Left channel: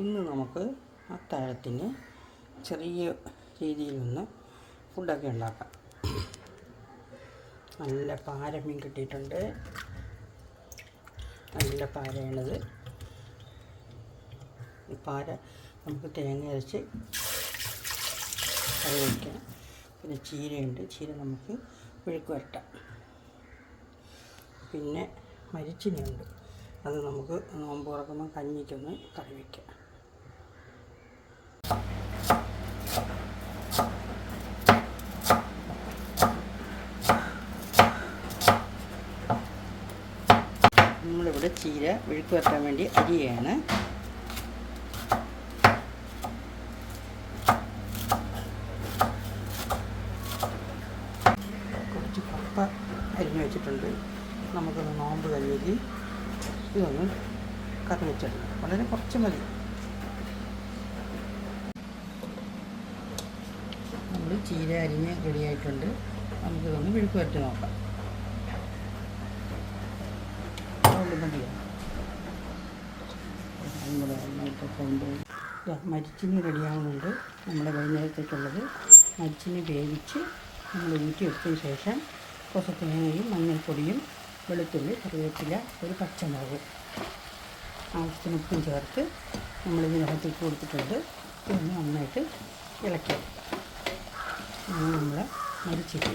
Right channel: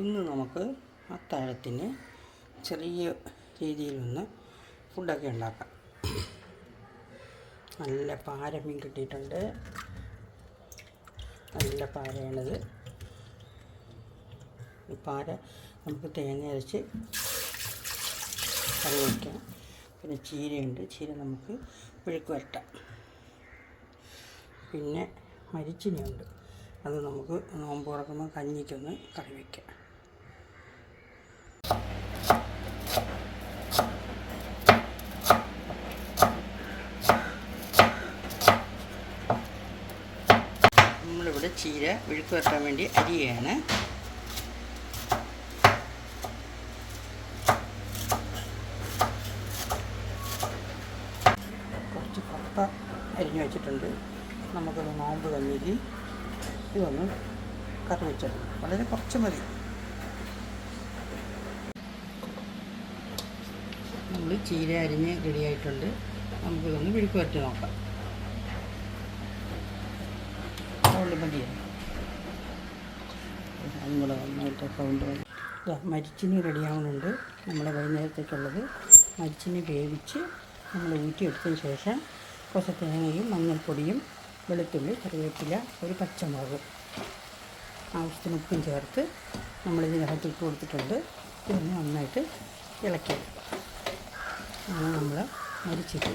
ഇന്ന് നമുക്ക് അത്താഴത്തിന് ചെറിയ രീതിയിലൊന്ന് ഫുഡൊക്കെ ഉണ്ടാക്കാം. നല്ല പാര മീൻ കിട്ടിയിട്ടുണ്ട്. നല്ല പാരയാണിത്. ഈ പാര നമുക്ക് തേങ്ങ അരച്ച് കറി വയ്ക്കാം പിന്നെ ചീരയുണ്ട്. ചീര നമുക്ക് മെഴുക്ക് വരട്ടാം. പിന്നെ മരിച്ചിനിയുണ്ട്. അത് നമുക്ക് നോമ്പ് തുറക്കുമ്പോൾ കഞ്ഞിക്കൊന്ന് കറി വയ്ക്കാം നമ്മളിവിടെ ചീര വിഴുക്ക് വരട്ടാൻ വേണ്ടി അരിയാണ്. കുറച്ച് കപ്പ അരിഞ്ഞു വെച്ചിട്ടുണ്ട്. നമുക്കൊന്ന് നോമ്പ് കഞ്ഞിക്ക് ഇതൊന്ന് കറി വെച്ചിട്ടുണ്ട് വളരെ കുറച്ച് മതി. നമ്മൾ ചീര അരിഞ്ഞ് റെഡിയായിട്ടുണ്ട് നമുക്കിതൊന്ന് വിഴുക്ക് വരട്ടി നോക്കാം. മതിയോ? അതും കൂടെ മരിച്ചിനി റെഡിയാവുന്നുണ്ട് നമ്മൾ വൈകുന്നേരത്തേക്കുള്ളത് മരിച്ചിന് വേവിച്ച് നമ്മൾ ഊറ്റിയെടുത്തതിന് ശേഷം കുറച്ച് തേങ്ങയും മഞ്ഞൾപ്പൊടിയും വെളുത്തുള്ളി കറിവേപ്പില ഒരു പച്ചമുളക് ആവശ്യത്തിന് ഉപ്പും ചേർത്ത് നമ്മളിതിനകത്ത് ഇട്ട് കൊടുത്തിട്ടുണ്ട്. ഇതൊന്ന് നന്നായിട്ട് ഇളക്കി. നമ്മൾ മരിച്ചിട്ട്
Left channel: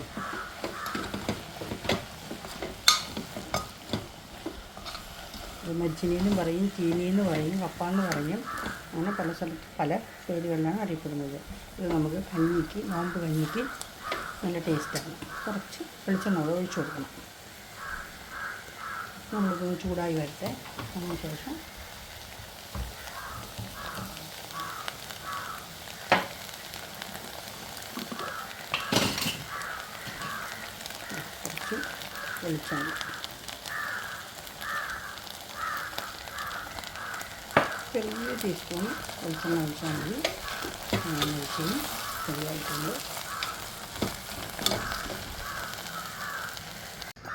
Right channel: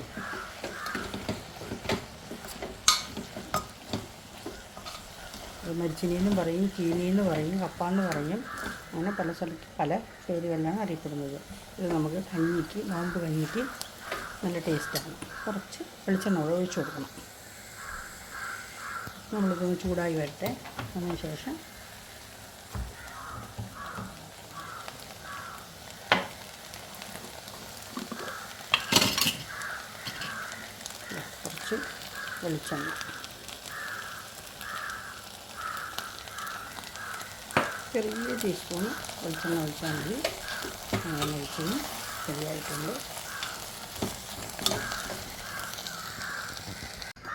മരിച്ചിനിയെന്നും പറയും ചീനിയെന്ന് പറയും കപ്പാന്ന് പറയും. അങ്ങനെ പല സ്ഥലത്ത് പല പേരുകളിലാണ് അറിയപ്പെടുന്നത്. ഇത് നമുക്ക് കഞ്ഞിക്ക് നോമ്പ് കഞ്ഞിക്ക് നല്ല ടേസ്റ്റാണ് കുറച്ച് വെളിച്ചെണ്ണ ഒഴിച്ചു കൊടുക്കണം. നമ്മളിതൊന്ന് ചൂടായി വരട്ടെ. അതിന് ശേഷം കുറച്ച് വെളിച്ചെണ്ണ. ചെറിയ ടീസ്പൂൺ വെളിച്ചെണ്ണ ഒഴിച്ചാൽ മതി. അങ്ങനെ ഒഴിച്ചും ശരിയായിട്ടുണ്ട്.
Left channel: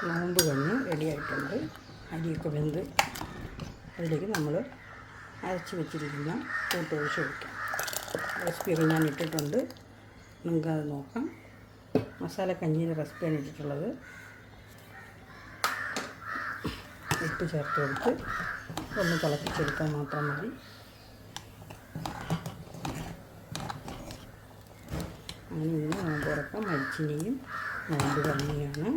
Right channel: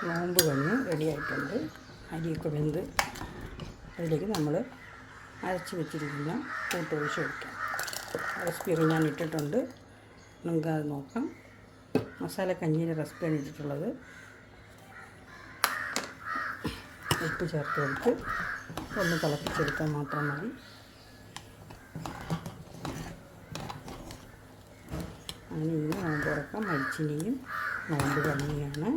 നോമ്പ് കഞ്ഞ് റെഡിയായിട്ടുണ്ട് അരിയൊക്കെ വെന്ത് അതിലേക്ക് നമ്മൾ അരച്ച് വെച്ചിരിക്കുന്ന കൂട്ട് ഒഴിച്ച് ഒഴിക്കാം. റെസിപ്പി ഞാൻ ഇട്ടിട്ടുണ്ട്. നിങ്ങൾക്ക് അത് നോക്കാം. മസാല കഞ്ഞിയുടെ റെസിപ്പിയാണ് ഇട്ടിട്ടുള്ളത്. ഉപ്പ് ചേർത്ത് കൊടുത്ത് ഒന്ന് തിളപ്പിച്ചെടുത്താൽ മാത്രം മതി. അങ്ങനെ ഇതിന് നോമ്പ് തുറക്കാം മരിച്ചിനെയും നോമ്പ് കഞ്ഞിയാണ്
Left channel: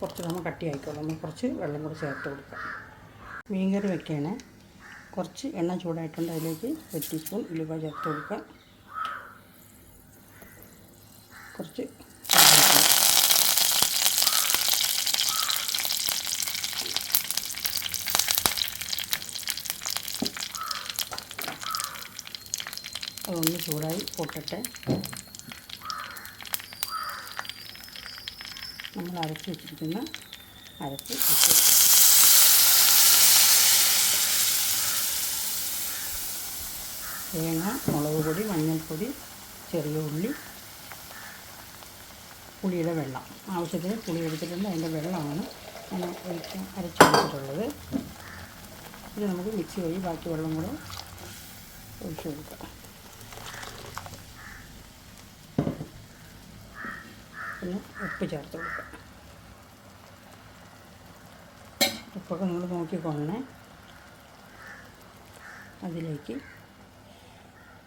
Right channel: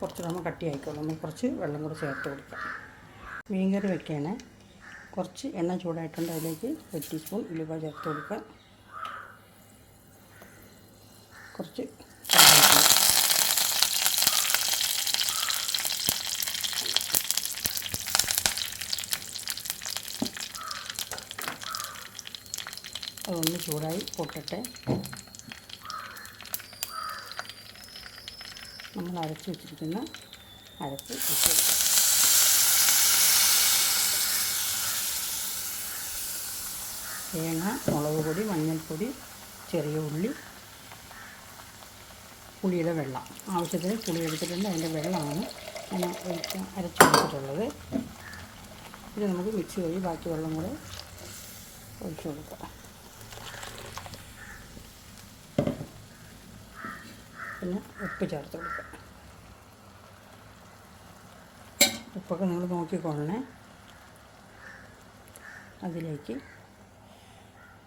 കുറച്ച് നമ്മൾ കട്ടിയായിക്കോളും നമ്മൾ കുറച്ച് വെള്ളം കൂടി ചേർത്ത് കൊടുക്കാം. മീൻകറി വെക്കുകയാണ്. കുറച്ച് എണ്ണ ചൂടായിട്ടുണ്ട്. അതിലേക്ക് ഒരു ടീസ്പൂൺ ഉലുവ ചേർത്ത് കൊടുക്കുക കുറച്ച് കറിവേപ്പില. അതൊന്ന് ചൂടായി പൊട്ടട്ടെ. നമ്മൾ അരച്ച് വെച്ചിരിക്കുന്ന അരപ്പ് ഇട്ട് തേങ്ങ മുളക് പൊടി മഞ്ഞൾപ്പൊടി ചെറിയ ഉള്ളി പുളിയുടെ വെള്ളം. ആവശ്യത്തിന് പുളി എടുത്തിട്ടുണ്ട്. അതിന്റെ വെള്ളമാണ് ഞാൻ ഒഴിച്ച് അരച്ചെടുത്തിട്ടുള്ളത് ഇത് നമുക്ക് മിക്സ് ചെയ്ത് ബാക്കി വെള്ളം കൂടെ ഒഴിച്ചു കൊടുക്കാം. പിന്നെ ഉപ്പ് ചേർത്ത് കൊടുക്കുക. ഉപ്പൊക്കെ നിങ്ങൾ നോക്കിക്കൊള്ളണേ അതിലേക്ക്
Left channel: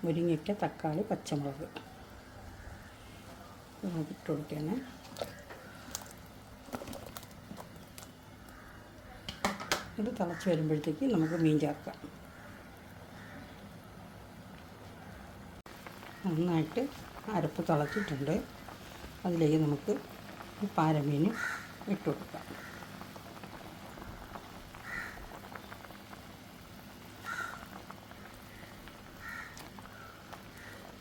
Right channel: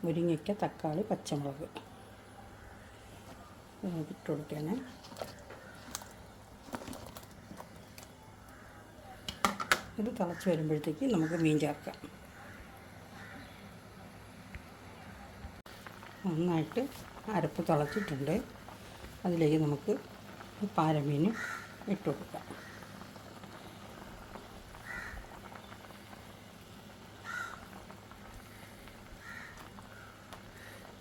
മുരിങ്ങയ്ക്ക തക്കാളി പച്ചമുളക് ഇട്ട് കൊടുക്കണേ ഇത് തിളച്ച് വരുമ്പോഴത്തേക്ക് നമുക്ക് മീൻ ചേർക്കാം. നന്നായിട്ട് അരപ്പ് തിളച്ചിട്ടുണ്ട്. അതിലേക്ക് നമുക്ക് ഈ പാരമീനും ഇട്ട് കൊടുക്കാം.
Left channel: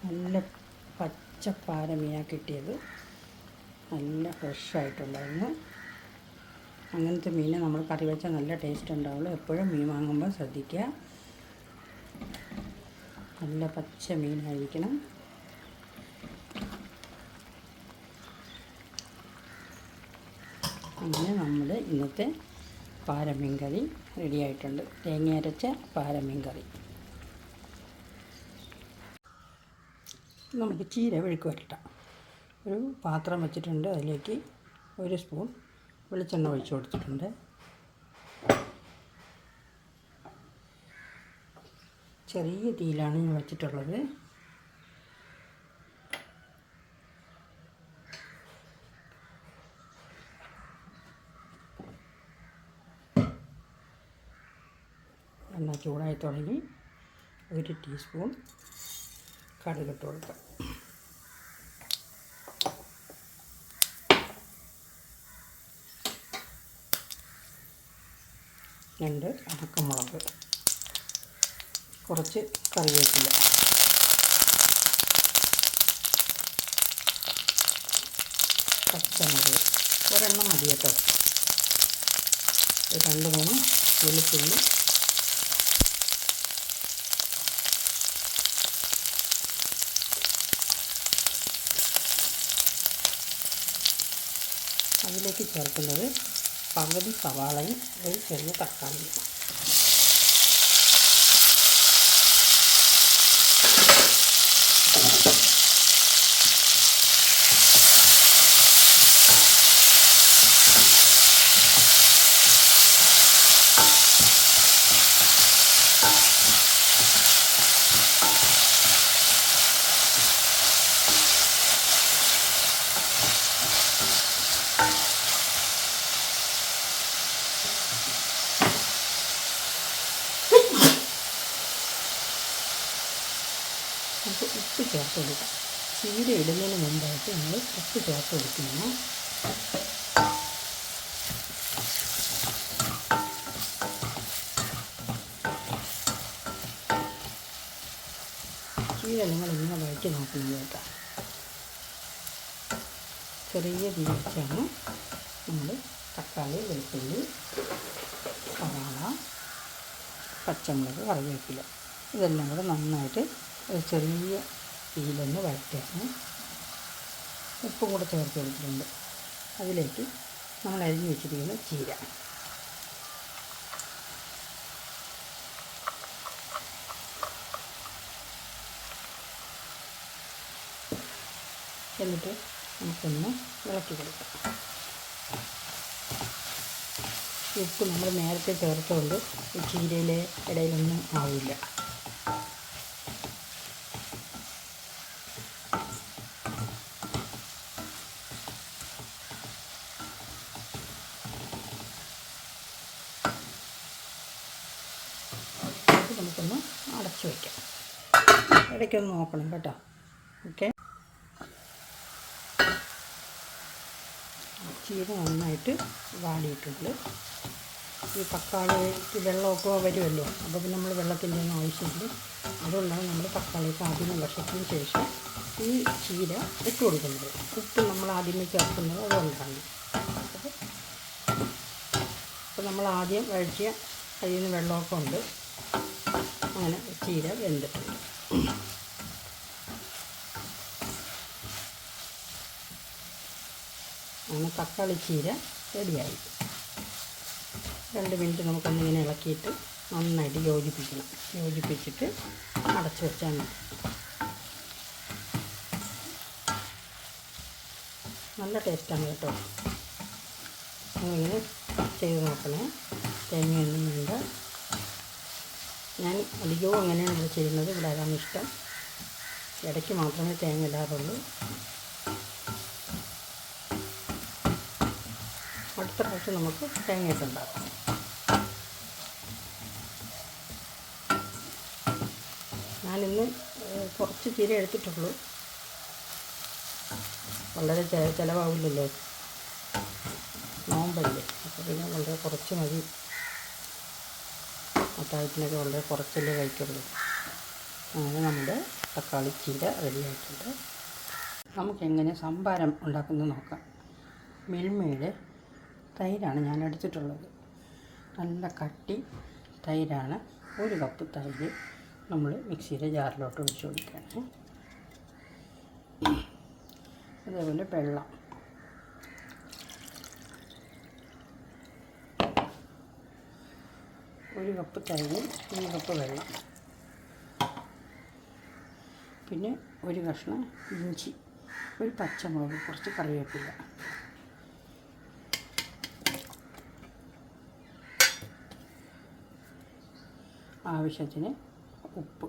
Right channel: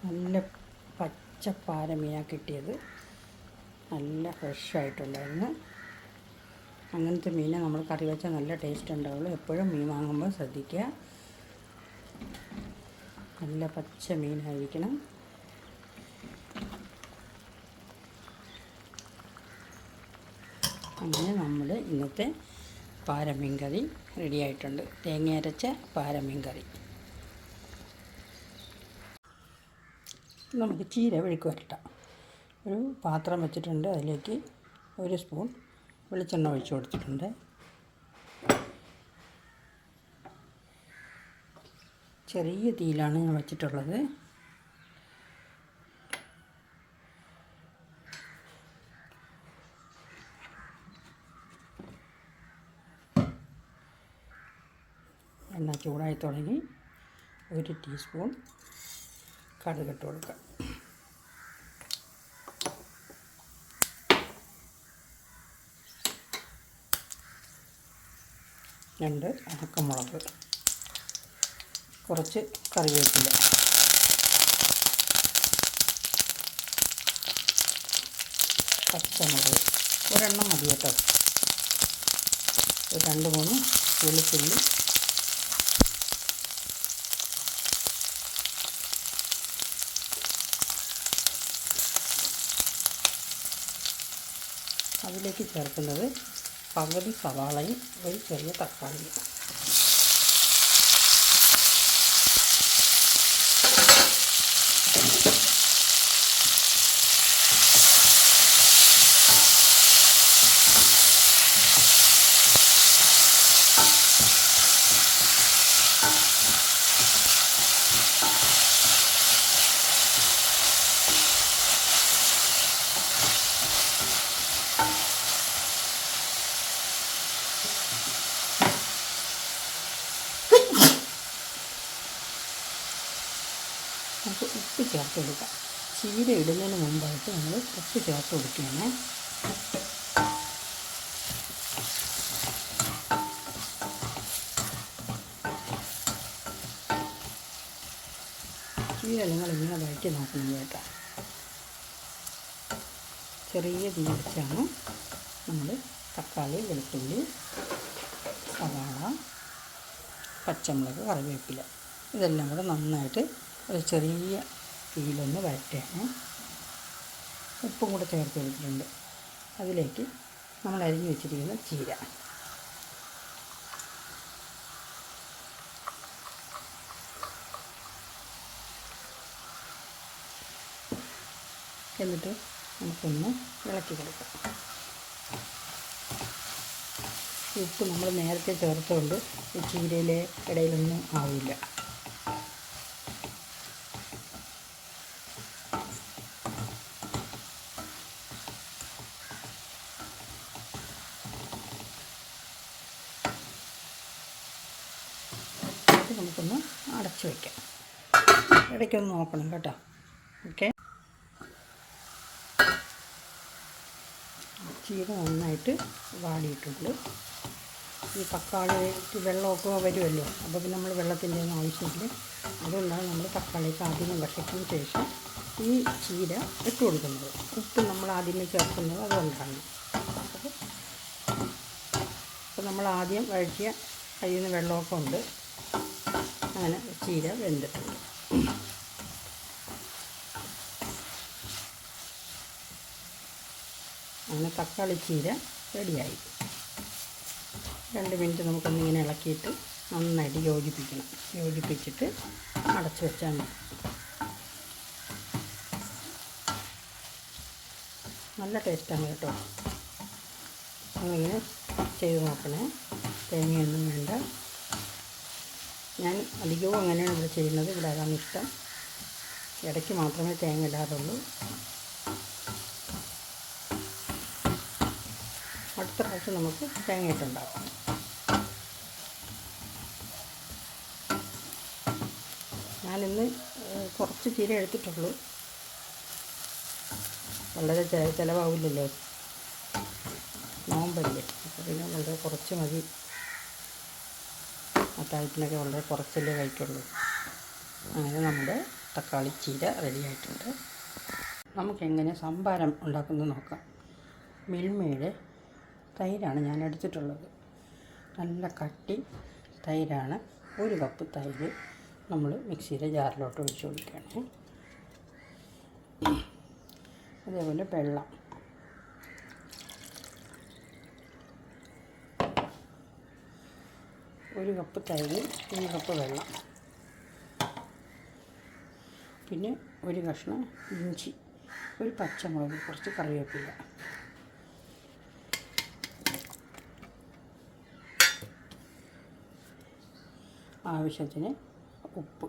നല്ല പച്ച പാരമീനാണ് കിട്ടിയത്. നല്ല ഫ്രഷായിട്ടുണ്ടായിരുന്നു അങ്ങനത്തെ മീനെ നമ്മൾ കറി വെച്ചാൽ നല്ല ടേസ്റ്റ് ഉണ്ടാവുള്ളൂ. എപ്പോഴും മീൻ വാങ്ങുമ്പോൾ ശ്രദ്ധിക്കുക. നല്ല പച്ച മീനായിരിക്കണം. ഇന്നത്തെ പാരമീൻ കറി റെഡി ആയിട്ടുണ്ട്. തേങ്ങ അരച്ച പാരമീൻ കറി നമുക്ക് ചീര വെഴുക്ക് വരട്ടാം. ഒരു പാത്രം വെച്ചിട്ടുണ്ട്. അതിലേക്ക് ഒരു സ്പൂൺ വെളിച്ചെണ്ണ ഒഴിച്ചു കൊടുത്തിട്ടുണ്ട്. ചെറിയ തീയിലാണ് ഞാൻ വെച്ചിട്ടുള്ളത് എണ്ണ ചൂടായി തുടങ്ങി ഒരു ടീസ്പൂൺ കടുകിട്ട് കൊടുക്കുക രണ്ട് ഉണക്കമുളക് കുറച്ച് കറിവേപ്പില. പച്ചമുളക്. ഒരെണ്ണം മതി കേട്ടോ. രണ്ട് മൂന്ന് വെളുത്തുള്ളി അതിലേക്ക് ചേർക്കുന്നത് പകുതി സവാളയും ഒരു ചെറിയ തക്കാളിയും നമുക്ക് ഉപ്പ് ചേർത്ത് കൊടുക്കാം ചീര ഇടുന്നതിന് മുമ്പായിട്ട് നമ്മൾ ഉപ്പ് ചേർത്ത് കൊടുക്കണം ചീര നിങ്ങൾ ഇങ്ങനെ വഴറ്റി നോക്കുന്നത് കേട്ടോ. ചെറിയ തീ നമ്മൾ തക്കാളി വെളുത്തുള്ളി സവാള പച്ചമുളക് കറിവേപ്പില. ഇതെല്ലാം കൂടെ നന്നായിട്ട് ഒരു ചെറിയ തീയിലൊന്ന് വഴറ്റുകയാണ് ഉപ്പും കൂടെ ചേർത്ത് കൊടുത്തിട്ടുണ്ട്. അതിലേക്ക് നമ്മൾ അരിഞ്ഞ് വെച്ചിരിക്കുന്ന ചീര. എന്നിട്ട് നമുക്കൊന്ന് ഇളക്കി കൊടുക്കാം. ഉപ്പ് നമ്മൾ നേരത്തെ ചേർത്തുകൊണ്ട് ഈ ചീരയിലെ ഇടയിലൊന്നും ആവില്ല ഇത് നമുക്കൊന്ന് അടച്ചു വയ്ക്കാം ഇടയ്ക്കൊന്ന് നോക്കണം കേട്ടോ. ഓക്കെ. ചീര നന്നായിട്ട് വാടിയിട്ടുണ്ട്. ഈ തക്കാളിക്ക് വെള്ളമൊക്കെ വരുമല്ലോ അപ്പോൾ പിന്നെ നമ്മൾ വെള്ളത്തിന്റെ ഒന്നും ആവശ്യമില്ല. അതുകൊണ്ടാണ് നമ്മൾ തക്കാളിക്ക് ആദ്യമേ വശത്തിന് ശേഷം ഈ ചീര ഇട്ട് കൊടുക്കുന്നത്. ഉപ്പ് നമ്മൾ ആദ്യമേ ചേർക്കുന്നത് അതുകൊണ്ടാണ്. അപ്പോൾ നമ്മൾ ആദ്യം വഴറ്റിയ കയ്യിൽ നിന്ന് വെള്ളമൊക്കെ ഉണ്ട് അങ്ങനെ ചീര വെന്തിട്ടുണ്ട് അങ്ങനെ തക്കാളി ചീര റെഡിയായി. രണ്ട് മിനിറ്റ് നമുക്കൊന്നിങ്ങനെ ഇളക്കിയിട്ട് നന്നായിട്ട് യോജിപ്പിക്കണം. യോജിപ്പിച്ചിട്ട് അടച്ചു വെച്ചാൽ മതി. നല്ല ടേസ്റ്റാണ് കേട്ടോ. അങ്ങനെ ചെയ്ത് നോക്കണേ? തേങ്ങയൊന്നും വേണ്ട. ഞാൻ അധികവും അങ്ങനെയാണ് ഇവിടെ ചെയ്യുന്നത്. ഇവിടെ അതാണ് ഇഷ്ടം. ഇടയ്ക്ക് മാത്രമേ തേങ്ങ ഇടാറുള്ളൂ. പ്രാവശ്യം നമുക്ക് തേങ്ങയിട്ടുണ്ടാക്കാം ഞാനിന്ന് കുറച്ച് ചീര എടുത്തിട്ടുള്ളൂ. വളരെ ചെ- ചിലവാവില്ലല്ലോ. നോമ്പല്ലേ. അപ്പോൾ പിന്നെ വളരെ കുറച്ച് മതി. അത്താഴത്തിനൊക്കെ വളരെ കുറച്ചല്ലേ കഴിക്കുള്ളൂ. അങ്ങനെ നമ്മുടെ തക്കാളി ചീര റെഡിയായിട്ടുണ്ട് നമുക്കെങ്ങനെ സംഭാരം ഉണ്ടാക്കുന്നത് നോക്കാം. മിൽമയുടെ തൈരാണ് ഞാൻ എടുത്തിട്ടുള്ളത് നല്ല കട്ടി തൈരാണ്. ഒരു കപ്പ് തൈര് നമ്മൾ മിക്സിയുടെ ജാറിലോട്ട് ഒഴിച്ചു കൊടുക്കുകയാണ്. അതേപോലെ വെള്ളം. ഒരു കപ്പ് തൈര് ഒരു കപ്പ് വെള്ളം. പിന്നെ ഒരു കഷ്ണം ഇഞ്ചി ഒരു പച്ചമുളക് കുറച്ച് കറിവേപ്പില. ആവശ്യത്തിന് ഉപ്പ്.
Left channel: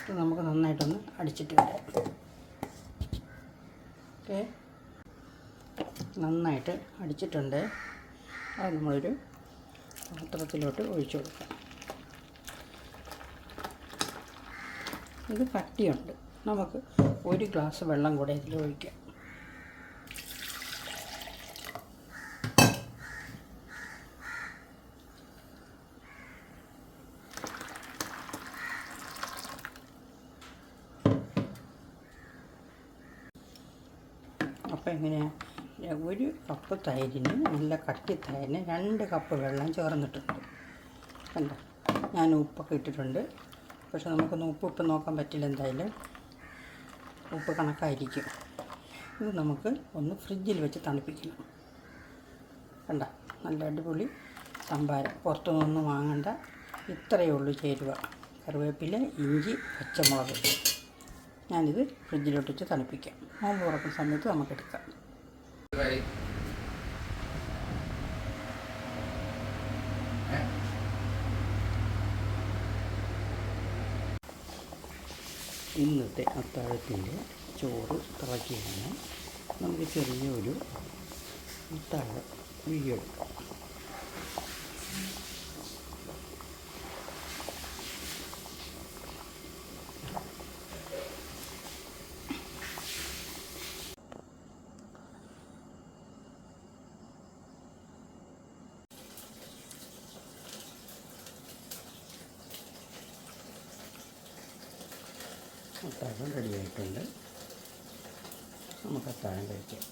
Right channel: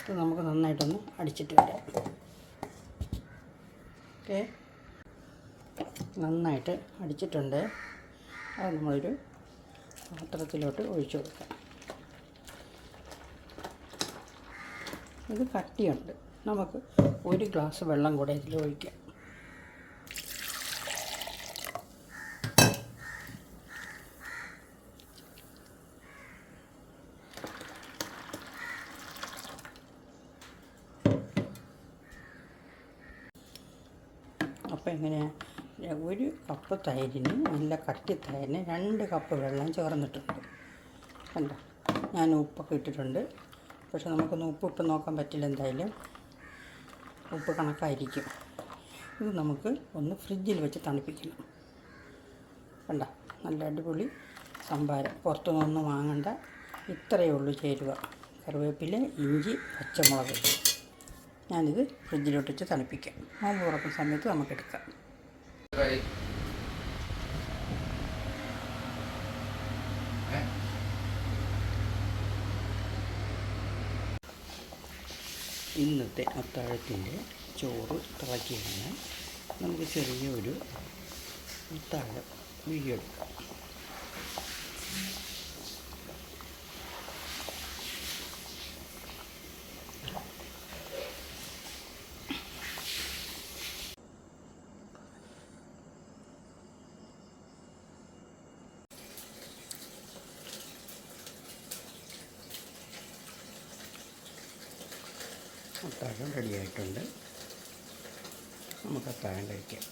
ഇത് നമുക്ക് നന്നായിട്ടൊന്ന് അടിച്ചിട്ട് വരാം. ഓക്കെ. നന്നായിട്ട് അടിച്ചിട്ടുണ്ട്. അത് നമ്മളൊരു പാത്രത്തിലോട്ട് ഒഴിച്ചു കൊടുക്കാം. ഇത് കട്ടിയുണ്ട്. നമുക്ക് ഒരു ഗ്ലാസ് വെള്ളം കൂടെ ഇതിൽ ഒഴിക്കാം അപ്പോൾ എങ്ങനെയാണ് ഒരു കപ്പ് തൈരിന് നല്ല കട്ടി തൈരിന് രണ്ട് കപ്പ് വെള്ളം ചേർന്നിട്ടുണ്ട്. കണ്ടോ? ഞാൻ ഉപ്പൊക്കെ ഇട്ടിട്ടുണ്ട്. പക്ഷെ നമുക്കൊന്ന് ഉപ്പ് ഇപ്പം നോക്കാൻ പറ്റില്ല എന്തായാലും. ഉപ്പ് കണക്കായിരിക്കും. ഇത് നമുക്ക് ഒന്ന് ഫ്രിഡ്ജിൽ വെച്ച് തണുപ്പിക്കണം. കണ്ട? നല്ല അടിപൊളി സംഭാരം. പുറത്തുനിന്നൊന്നും വാങ്ങണ്ട. ഇത്രയേ ഉള്ളൂ ചേരുവ. കറിവേപ്പില ഇഞ്ചി പച്ചമുളക്. ഞാനിത് ഫ്രിഡ്ജിലോട്ട് വെച്ച് തണുപ്പിക്കാം. നോമ്പ് തുറക്കുന്ന സമയത്ത് നമുക്കെടുക്കാം ഇന്നത്തെ അത്താഴത്തിന്റെ ചോറ് തിളക്കിയാണ് നമുക്ക് ചെറിയൊരു അത്താഴ വീഡിയോ എടുക്കാം. അത്താഴം റെഡിയായിട്ടുണ്ട് നമുക്ക് അത്താഴം കഴിക്കാം.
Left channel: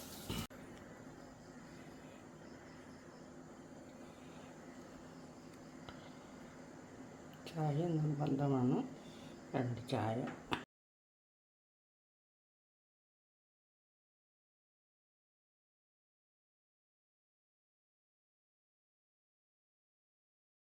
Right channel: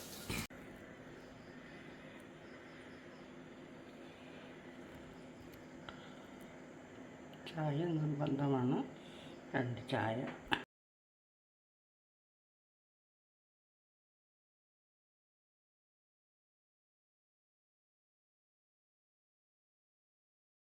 ചായ നിർബന്ധമാണ്. രണ്ട് ചായ.